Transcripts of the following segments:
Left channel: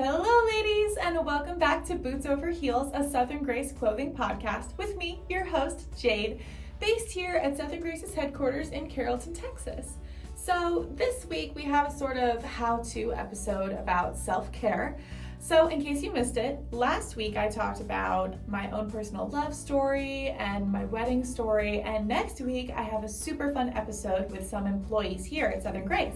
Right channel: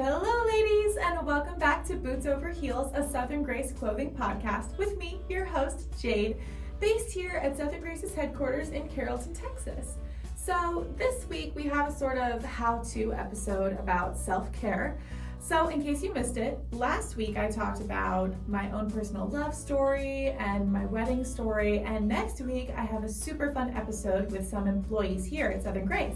Hello ladies, and welcome back to Boots Over Heels, a Southern Grace clothing podcast with me, your host, Jade, based here at Southern Grace's headquarters in Carrollton, Texas. So this week we have a sort of how-to episode about self-care. So in case you missed it, last week I talked about my own personal love story and my wedding story, and next week I have a super fun episode with some employees here at Southern Grace.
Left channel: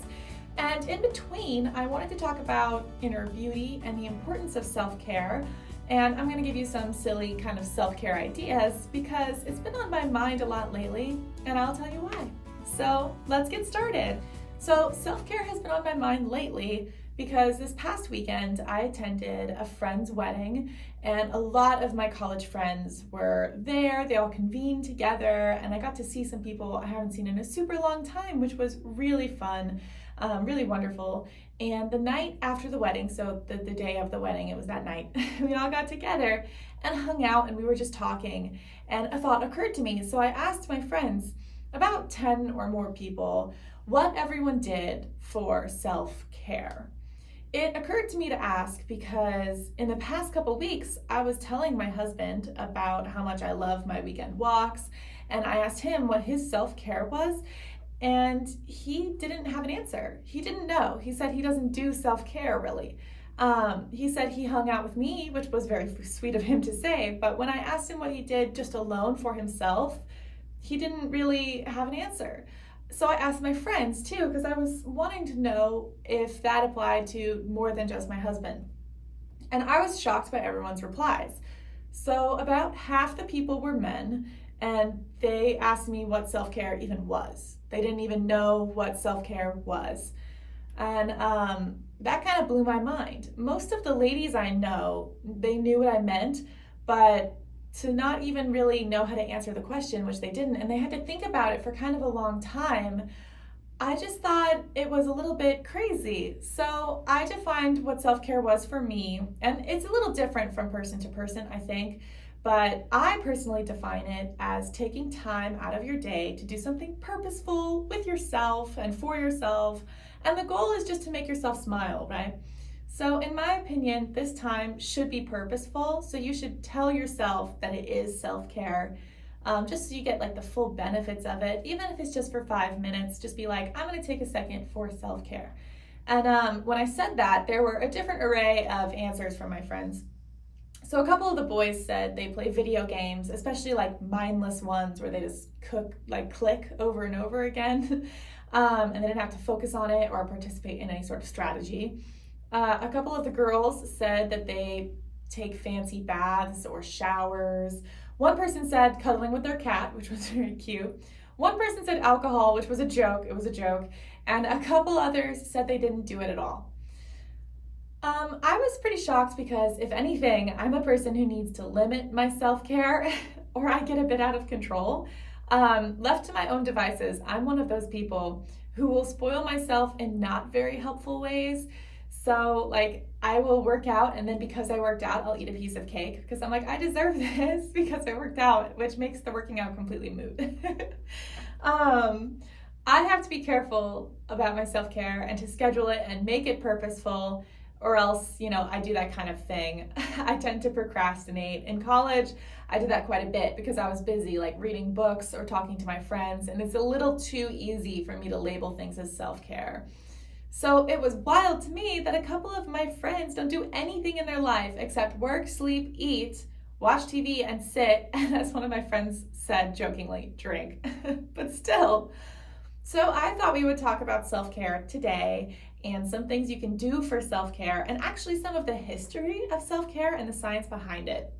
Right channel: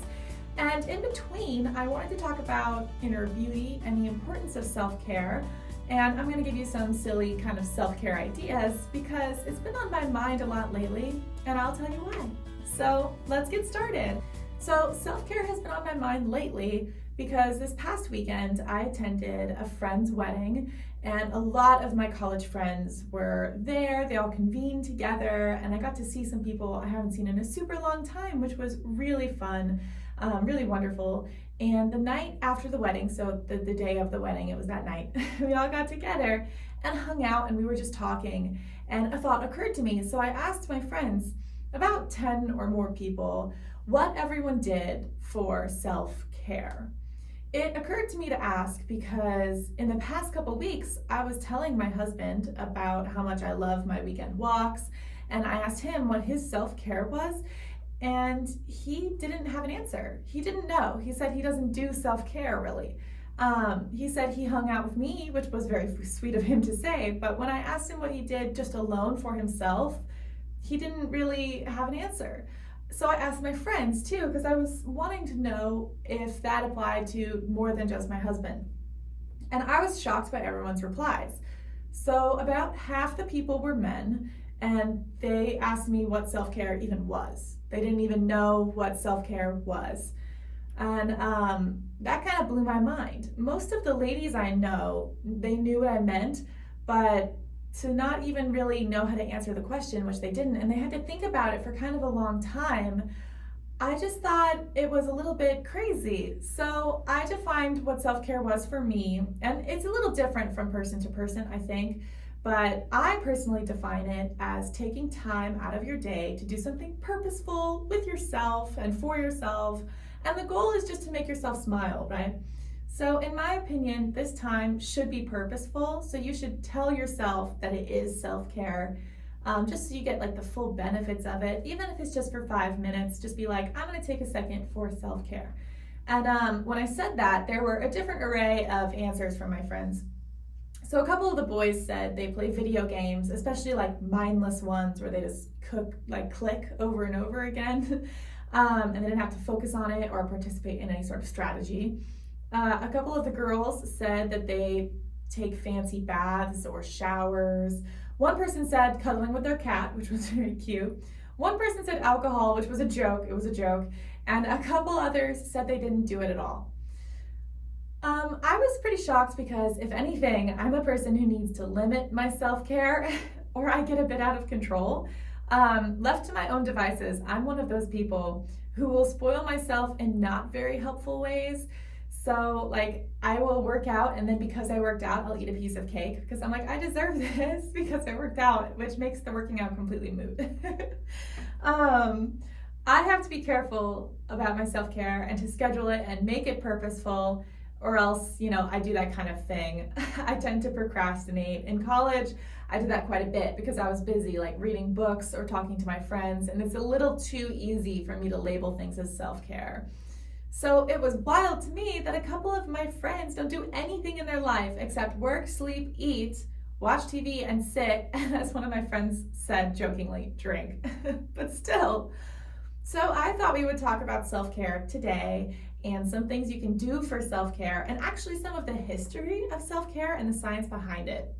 And in between, I wanted to talk about inner beauty and the importance of self-care. And I'm going to give you some silly kind of self-care ideas because it's been on my mind a lot lately, and I'll tell you why. So let's get started. So self-care has been on my mind lately because this past weekend I attended a friend's wedding, and a lot of my college friends were there. They all convened together, and I got to see some people I haven't seen in a super long time, which was really fun. Really wonderful. And the night after the wedding, so the day of the wedding, it was that night, we all got together and hung out, and we were just talking, and a thought occurred to me. So I asked my friends, about 10 or more people, what everyone did for self-care. It occurred to me to ask because in the past couple weeks, I was telling my husband about how much I love my weekend walks, and I asked him what his self-care was. And he didn't have an answer. He didn't know. He said he doesn't do self-care really. He said he hung out with me, which was very sweet of him to say, but when I asked him what he did just alone for himself, he didn't really have an answer. So I asked my friends too, because I was wanting to know if that applied to more than just my husband. And I was shocked by everyone's replies. So about half the people were men, and they asked me what self-care even was. They didn't even know what self-care was. And that kind of blew my mind. Most of the ladies I know, they knew what I meant, but to not even really know how to answer the question, which they didn't, and they had to think about it for kind of a long time, I just thought it was a little bit crazy. So I defined what self-care was for me, and it's a little different from person to person, I think. But I personally define it as taking time out of your day to do something purposeful with yourself and for yourself. And the goal is just to make yourself smile, right? So in my opinion, this time should be purposeful. So you should tell yourself that it is self-care, just so you get like the full benefits of it. Even if it's just for 5 minutes, just be like, I'm gonna take a second for self-care. And when I said that, there were a different array of answers from my friends. So a couple of the boys said they play video games, especially like mindless ones where they just click over and over again, and they didn't have to focus on it or participate in any sort of strategy. A couple of the girls said that they take fancy baths or showers. One person said cuddling with their cat, which was very cute. One person said alcohol, which was a joke. It was a joke. And a couple others said they didn't do it at all. I was pretty shocked because, if anything, I'm a person who needs to limit my self-care or I get a bit out of control. Left to my own devices, I'm one of those people who will spoil myself in not very helpful ways. So like I will work out, and then because I worked out, I'll eat a piece of cake because I'm like, I deserve this because I worked out, which makes the working out completely moot. I have to be careful about my self-care and to schedule it and make it purposeful, or else, I do that kind of thing. I tend to procrastinate. In college, I did that quite a bit because I was busy like reading books or talking to my friends, and it's a little too easy for me to label things as self-care. So it was wild to me that a couple of my friends don't do anything in their life except work, sleep, eat, watch TV, and sit, and as one of my friends said jokingly, drink. But still. So I thought we would talk about self-care today and some things you can do for self-care, and actually some of the history of self-care and the science behind it.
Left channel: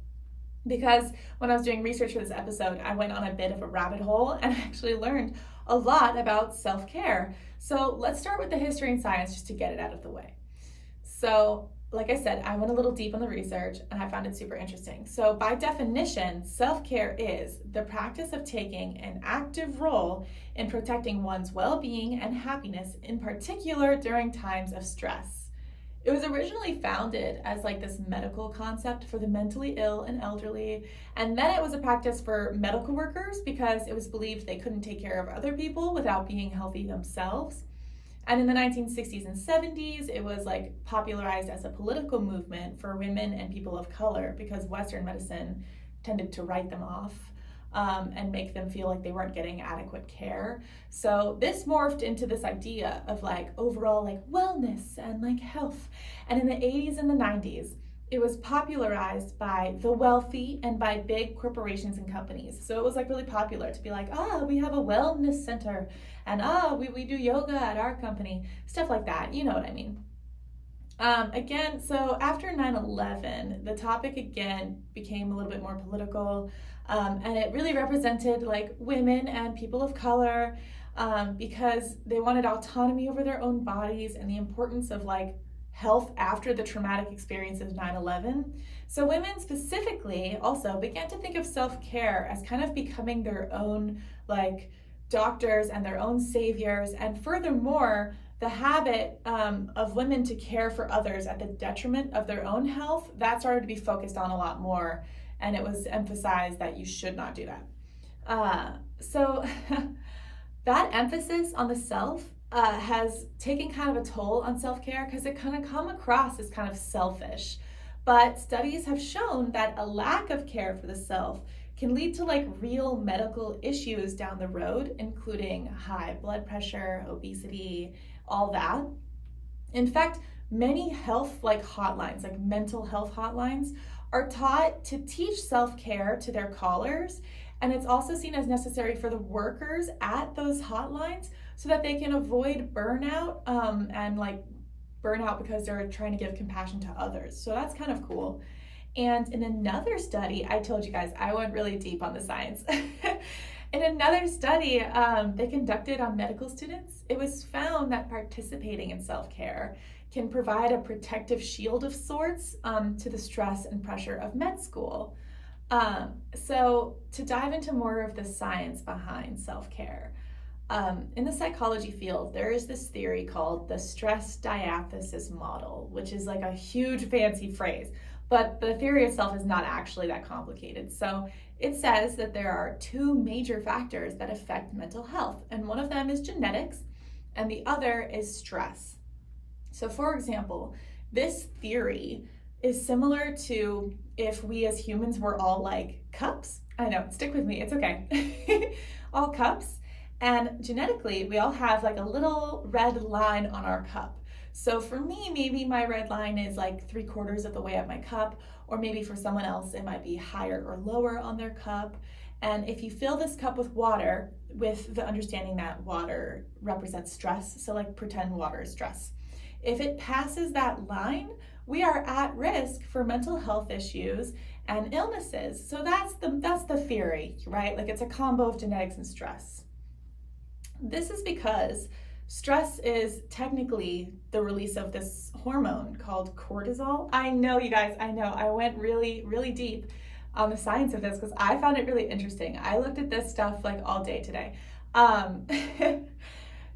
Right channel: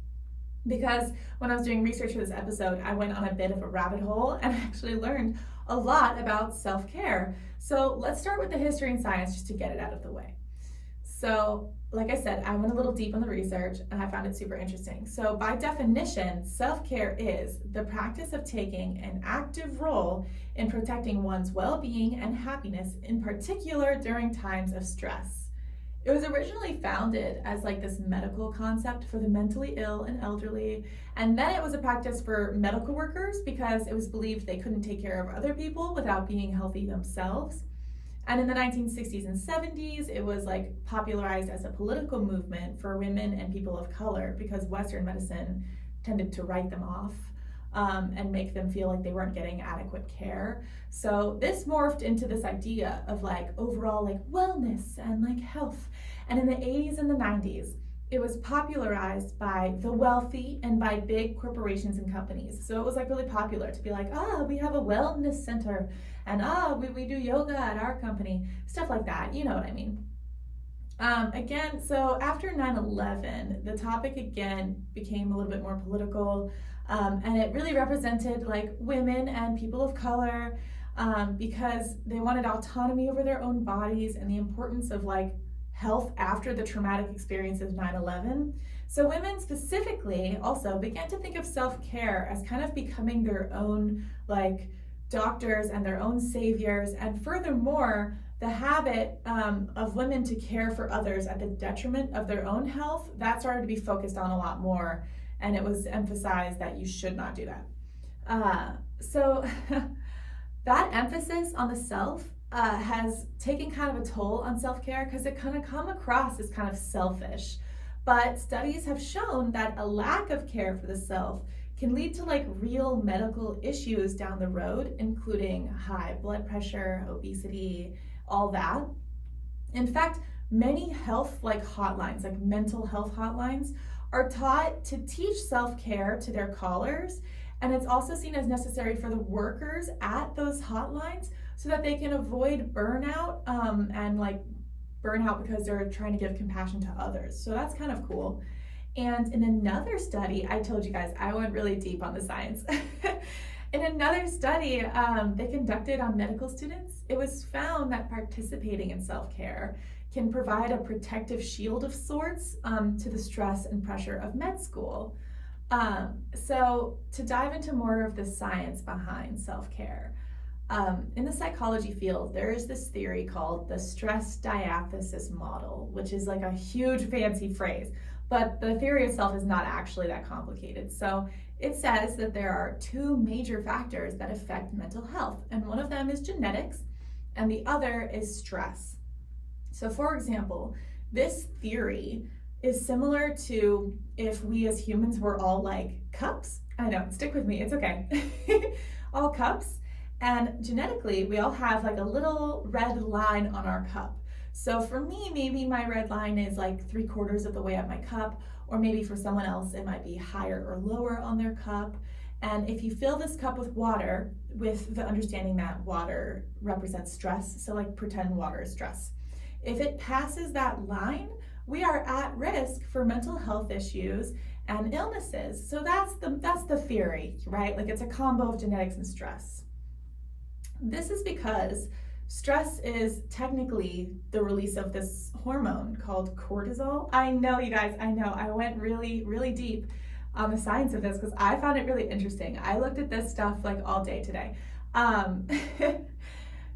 Because when I was doing research for this episode, I went on a bit of a rabbit hole and actually learned a lot about self-care. So let's start with the history and science just to get it out of the way. So like I said, I went a little deep on the research and I found it super interesting. So by definition, self-care is the practice of taking an active role in protecting one's well-being and happiness, in particular during times of stress. It was originally founded as like this medical concept for the mentally ill and elderly, and then it was a practice for medical workers because it was believed they couldn't take care of other people without being healthy themselves. And in the 1960s and 70s, it was like popularized as a political movement for women and people of color because Western medicine tended to write them off and make them feel like they weren't getting adequate care. So this morphed into this idea of like overall like wellness and like health. And in the 80s and the 90s, it was popularized by the wealthy and by big corporations and companies. So it was like really popular to be like, we have a wellness center, and we do yoga at our company, stuff like that, you know what I mean. Again, so after 9/11, the topic again became a little bit more political, and it really represented like women and people of color because they wanted autonomy over their own bodies and the importance of like health after the traumatic experience of 9/11. So women specifically also began to think of self-care as kind of becoming their own like doctors and their own saviors, and furthermore, the habit of women to care for others at the detriment of their own health, that started to be focused on a lot more, and it was emphasized that you should not do that. So that emphasis on the self has taken kind of a toll on self-care because it kind of come across as kind of selfish. But studies have shown that a lack of care for the self can lead to like real medical issues down the road, including high blood pressure, obesity, all that. In fact, many health like hotlines, like mental health hotlines, are taught to teach self-care to their callers, and it's also seen as necessary for the workers at those hotlines so that they can avoid burnout and like burnout because they're trying to give compassion to others. So that's kind of cool. And in another study, I told you guys, I went really deep on the science. In another study they conducted on medical students, it was found that participating in self-care can provide a protective shield of sorts to the stress and pressure of med school. So to dive into more of the science behind self-care, in the psychology field, there is this theory called the stress diathesis model, which is like a huge fancy phrase, but the theory itself is not actually that complicated. So it says that there are two major factors that affect mental health, and one of them is genetics, and the other is stress. So for example, this theory is similar to if we as humans were all like cups. I know, stick with me, it's okay. All cups. And genetically, we all have like a little red line on our cup. So for me, maybe my red line is like 3/4 of the way up my cup, or maybe for someone else, it might be higher or lower on their cup. And if you fill this cup with water, with the understanding that water represents stress, so like pretend water is stress. If it passes that line, we are at risk for mental health issues and illnesses. So that's the theory, right? Like it's a combo of genetics and stress. This is because stress is technically the release of this hormone called cortisol. I know, you guys, I know. I went really, really deep on the science of this because I found it really interesting. I looked at this stuff like all day today.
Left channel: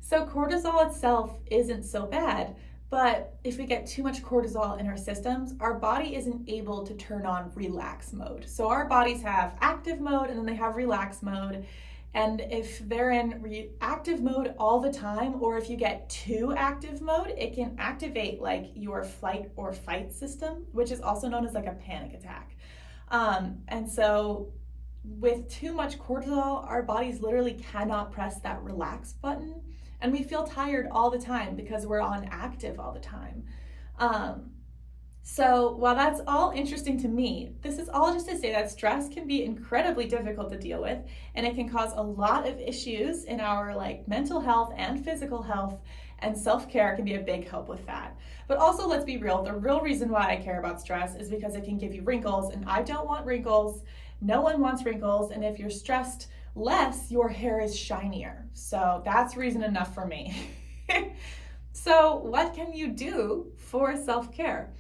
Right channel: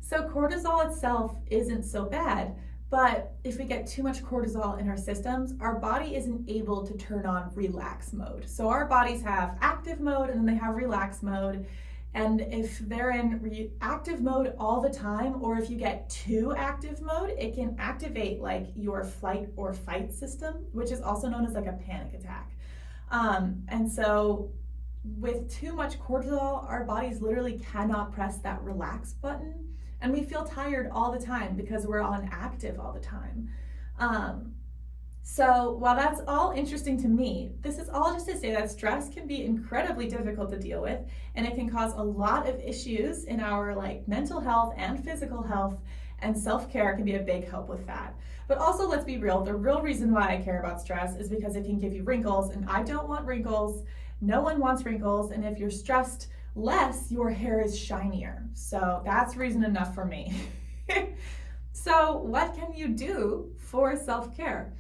So cortisol itself isn't so bad, but if we get too much cortisol in our systems, our body isn't able to turn on relax mode. So our bodies have active mode and then they have relax mode. And if they're in active mode all the time, or if you get too active mode, it can activate like your flight or fight system, which is also known as like a panic attack. And so with too much cortisol, our bodies literally cannot press that relax button. And we feel tired all the time because we're on active all the time. So while that's all interesting to me, this is all just to say that stress can be incredibly difficult to deal with, and it can cause a lot of issues in our like mental health and physical health, and self-care can be a big help with that. But also, let's be real, the real reason why I care about stress is because it can give you wrinkles, and I don't want wrinkles. No one wants wrinkles, and if you're stressed less, your hair is shinier. So that's reason enough for me. So what can you do for self-care?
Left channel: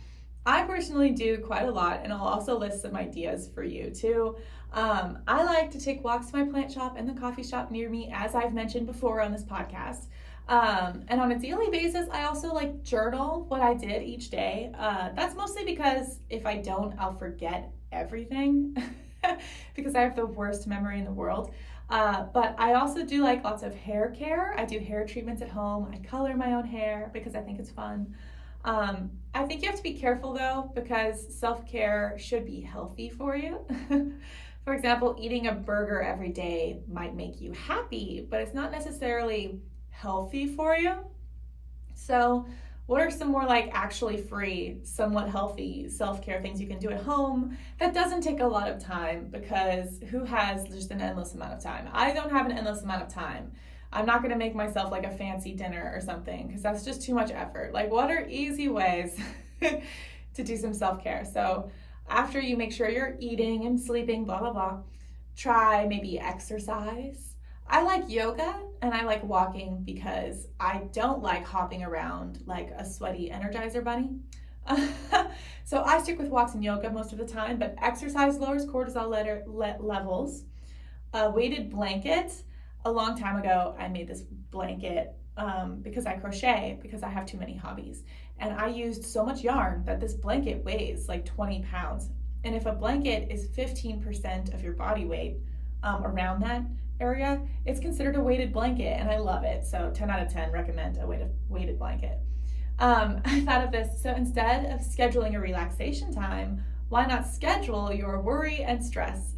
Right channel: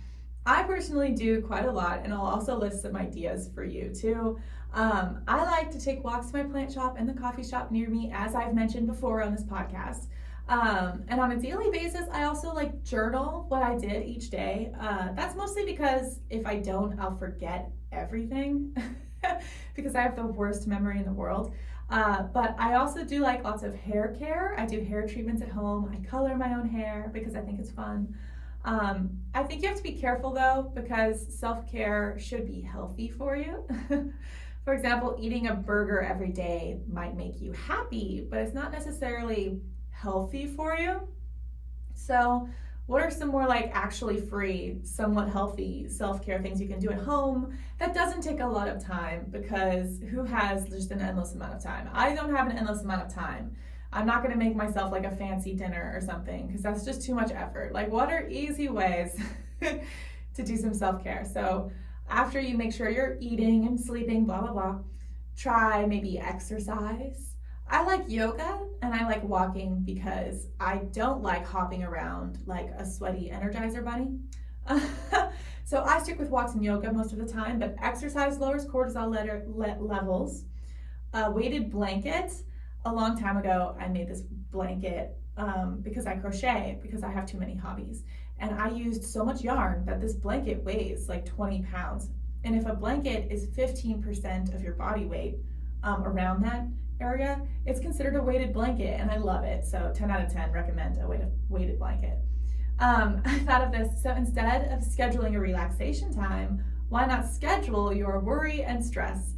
I personally do quite a lot, and I'll also list some ideas for you too. I like to take walks to my plant shop and the coffee shop near me, as I've mentioned before on this podcast. And on a daily basis, I also like journal what I did each day. That's mostly because if I don't, I'll forget everything because I have the worst memory in the world. But I also do like lots of hair care. I do hair treatments at home. I color my own hair because I think it's fun. I think you have to be careful though, because self-care should be healthy for you. For example, eating a burger every day might make you happy, but it's not necessarily healthy for you. So what are some more like actually free, somewhat healthy self-care things you can do at home that doesn't take a lot of time? Because who has just an endless amount of time? I don't have an endless amount of time. I'm not gonna make myself like a fancy dinner or something because that's just too much effort. Like, what are easy ways to do some self-care? So after you make sure you're eating and sleeping, blah, blah, blah, try maybe exercise. I like yoga and I like walking because I don't like hopping around like a sweaty Energizer bunny. So I stick with walks and yoga most of the time, but exercise lowers cortisol levels. A weighted blanket. A long time ago, I made this blanket because I crochet, because I have too many hobbies. And I used so much yarn that this blanket weighs like 20 pounds. And if a blanket is 15% of your body weight around that area, it's considered a weighted blanket, and I love it. So 10 out of 10 recommend a weighted blanket. I thought of this. So instead of scheduling a relaxation time, why not schedule your worry and stress?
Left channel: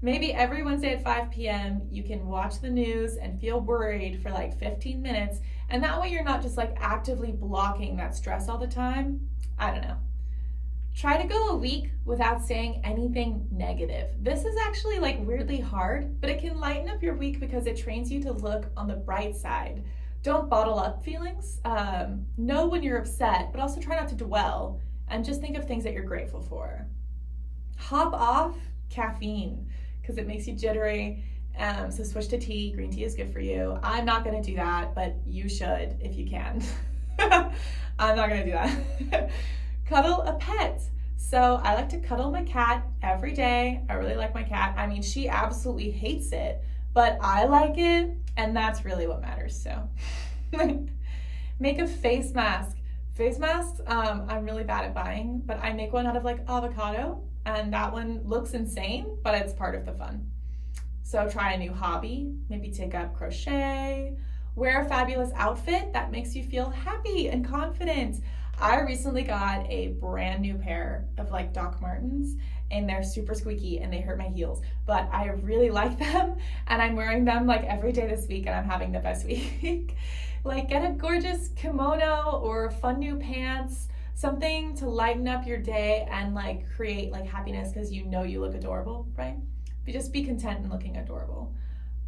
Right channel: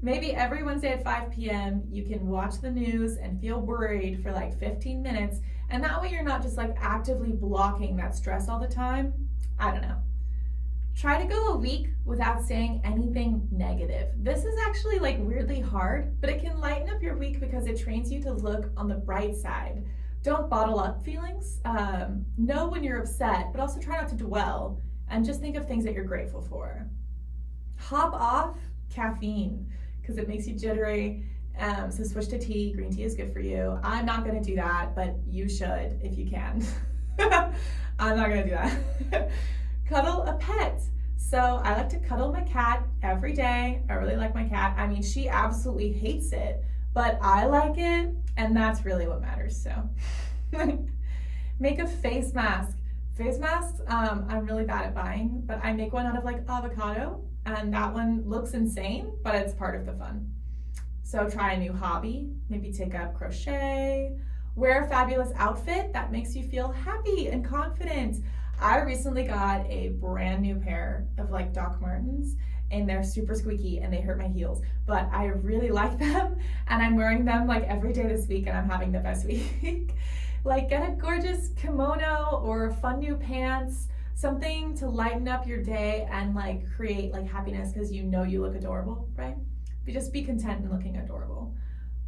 Maybe every Wednesday at 5 p.m. you can watch the news and feel worried for like 15 minutes, and that way you're not just like actively blocking that stress all the time. I don't know. Try to go a week without saying anything negative. This is actually like weirdly hard, but it can lighten up your week because it trains you to look on the bright side. Don't bottle up feelings. Know when you're upset, but also try not to dwell, and just think of things that you're grateful for. Hop off caffeine because it makes you jittery. So switch to tea. Green tea is good for you. I'm not gonna do that, but you should if you can. I'm not gonna do that. Cuddle a pet. So I like to cuddle my cat every day. I really like my cat. I mean, she absolutely hates it, but I like it, and that's really what matters. So make a face mask. Face masks, I'm really bad at buying, but I make one out of like avocado, and that one looks insane, but it's part of the fun. So try a new hobby, maybe take up crochet, wear a fabulous outfit that makes you feel happy and confident. I recently got a brand new pair of like Doc Martens, and they're super squeaky and they hurt my heels, but I really like them, and I'm wearing them like every day this week, and I'm having the best week. Like, get a gorgeous kimono or fun new pants, something to lighten up your day and like create like happiness because you know you look adorable, right? But just be content in looking adorable.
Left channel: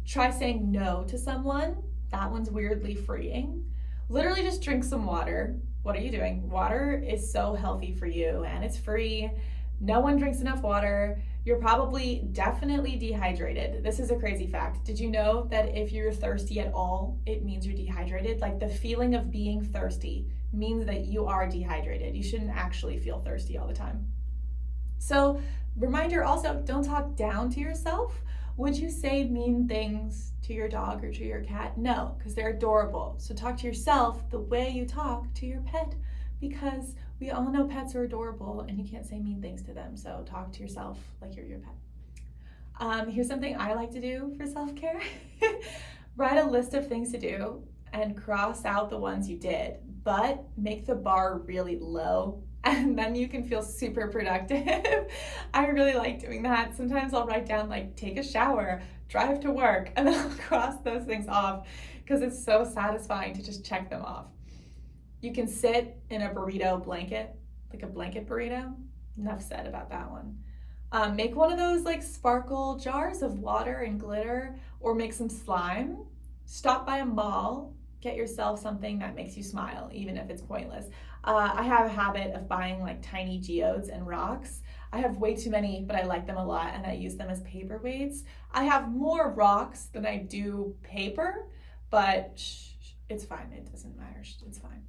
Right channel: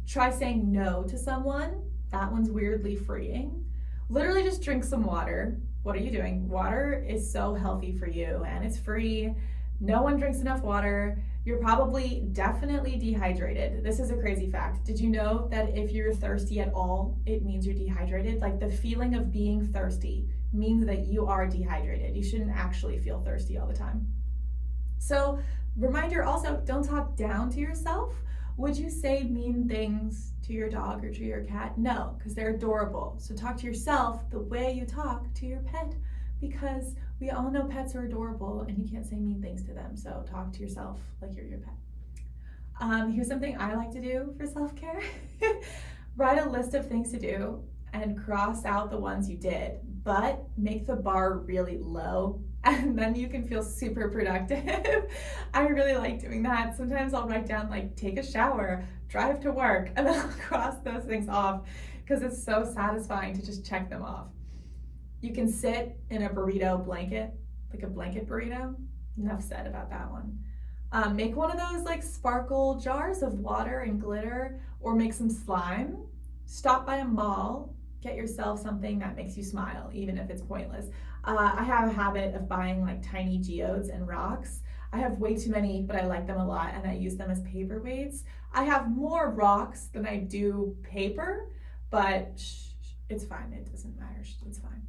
Try saying no to someone. That one's weirdly freeing. Literally just drink some water. What are you doing? Water is so healthy for you, and it's free. No one drinks enough water. You're probably definitely dehydrated. This is a crazy fact. Did you know that if you're thirsty at all, it means you're dehydrated? Like, the feeling of being thirsty means that you are dehydrated. You shouldn't actually feel thirsty all the time. So, reminder also, don't talk down to yourself. Would you say mean things to your dog or to your cat? No, because they're adorable. So talk to yourself the way you talk to your pet, because we all know pets are adorable and you can't say mean things to them. So talk to yourself like you're your pet. Here's something I like to do for self-care. Write a list of things to do and cross out the ones you did, but make the bar really low, and then you can feel super productive. I really like doing that. Sometimes I'll write down like take a shower, drive to work, and then I'll cross those things off because it's so satisfying to just check them off. You can sit in a burrito blanket, like a blanket burrito. Enough said about that one. Make one of those like sparkle jars of water and glitter, or make some slime. Stop by a mall, get yourself something that makes you smile, even if it's pointless. I have a habit of buying like tiny geodes and rocks. I have way too many, but I like them a lot, and I use them as paperweights. I have more rocks than I do paper, but it's fine. It doesn't matter. It's fine.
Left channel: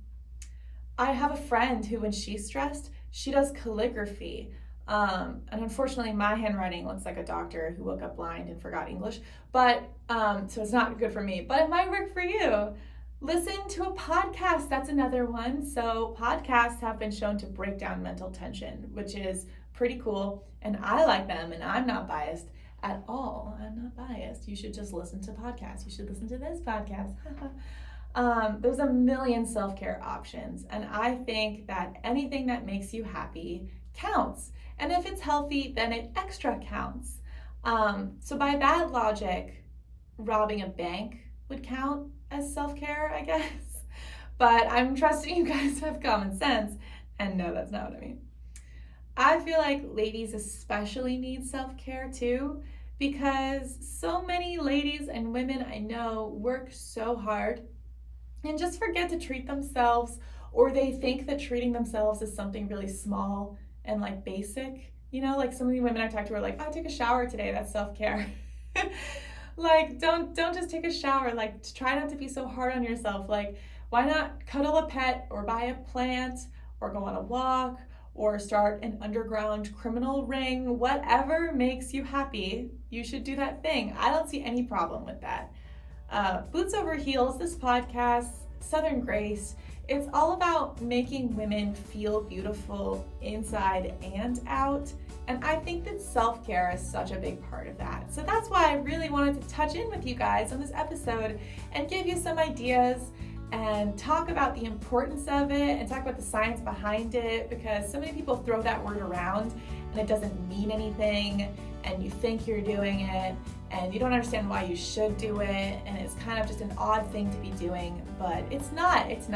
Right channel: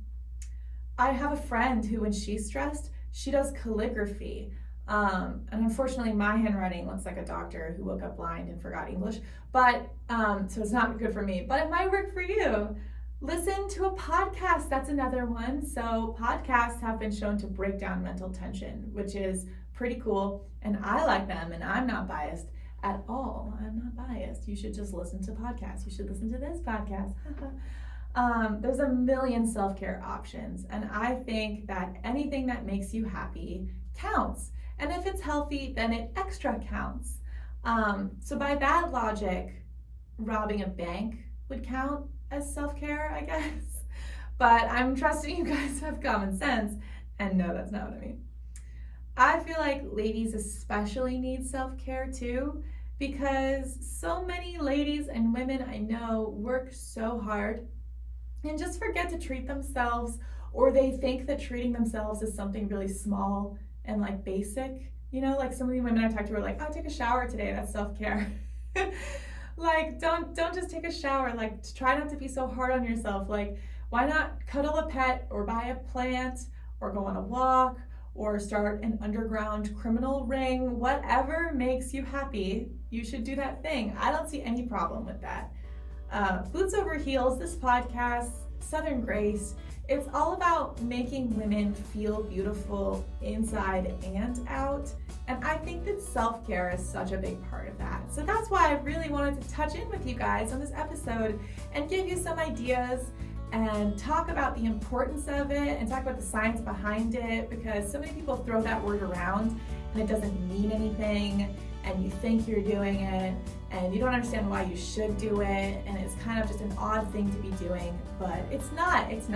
I have a friend who, when she's stressed, she does calligraphy. And unfortunately, my handwriting looks like a doctor who woke up blind and forgot English, but so it's not good for me, but it might work for you. Listen to a podcast, that's another one. So podcasts have been shown to break down mental tension, which is pretty cool, and I like them, and I'm not biased. at all. I'm not biased. You should just listen to podcasts. You should listen to this podcast. There's a million self-care options, and I think that anything that makes you happy counts. And if it's healthy, then it extra counts. So by that logic, robbing a bank would count as self-care, I guess. But I'm trusting you guys to have common sense, and no, that's not what I mean. I feel like ladies especially need self-care too, because so many ladies and women I know work so hard and just forget to treat themselves, or they think that treating themselves is something really small and like basic. You know, like so many women I talk to are like, oh, I took a shower today, that's self-care. Like, don't just take a shower. Like, try not to be so hard on yourself. Like, why not cuddle a pet or buy a plant or go on a walk or start an underground criminal ring? Whatever makes you happy, you should do that thing. I don't see any problem with that. Boots Over Heels, this podcast, Southern Grace, it's all about making women feel beautiful inside and out. And I think that self-care is such a big part of that. So that's why I really wanted to touch in with you guys on this episode and give you some ideas and talk about the importance of it and talk about the science behind it, because so many people throw that word around and it doesn't mean anything, and you think you're doing it and you don't understand why you should do it, and it's kind of just an odd thing to be doing, but it's not. It's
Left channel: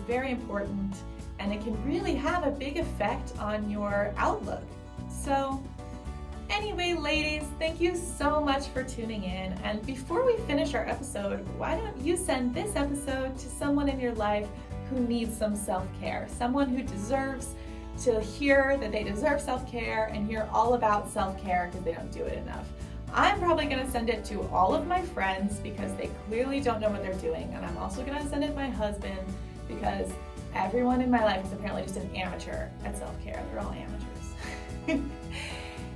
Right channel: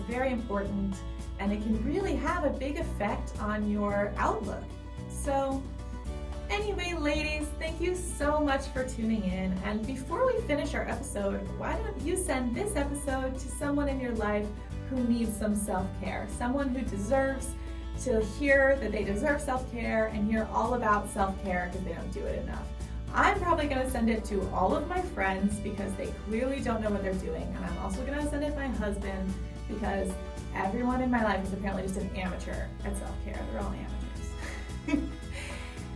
very important, and it can really have a big effect on your outlook. So anyway, ladies, thank you so much for tuning in. And before we finish our episode, why don't you send this episode to someone in your life who needs some self-care, someone who deserves to hear that they deserve self-care and hear all about self-care because they don't do it enough. I'm probably going to send it to all of my friends because they clearly don't know what they're doing. And I'm also going to send it to my husband because everyone in my life is apparently just an amateur at self-care. They're all amateurs.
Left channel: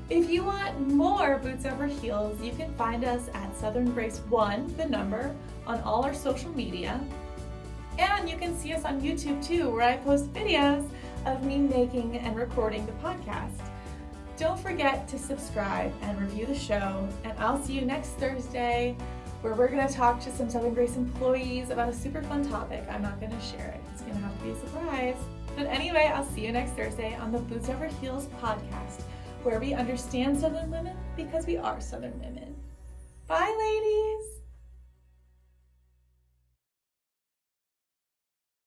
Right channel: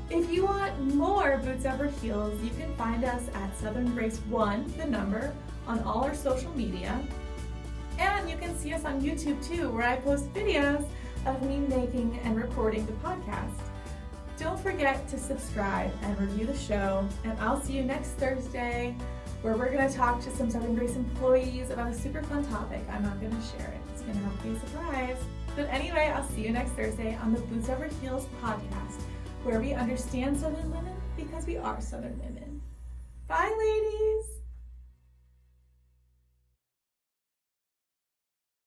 If you want more Boots Over Heels, you can find us at Southern Grace 1, the number, on all our social media. And you can see us on YouTube too, where I post videos of me making and recording the podcast. Don't forget to subscribe and review the show, and I'll see you next Thursday, where we're going to talk to some Southern Grace employees about a super fun topic. I'm not going to share it. It's going to have to be a surprise. But anyway, I'll see you next Thursday on the Boots Over Heels podcast, where we understand Southern women because we are Southern women. Bye, ladies!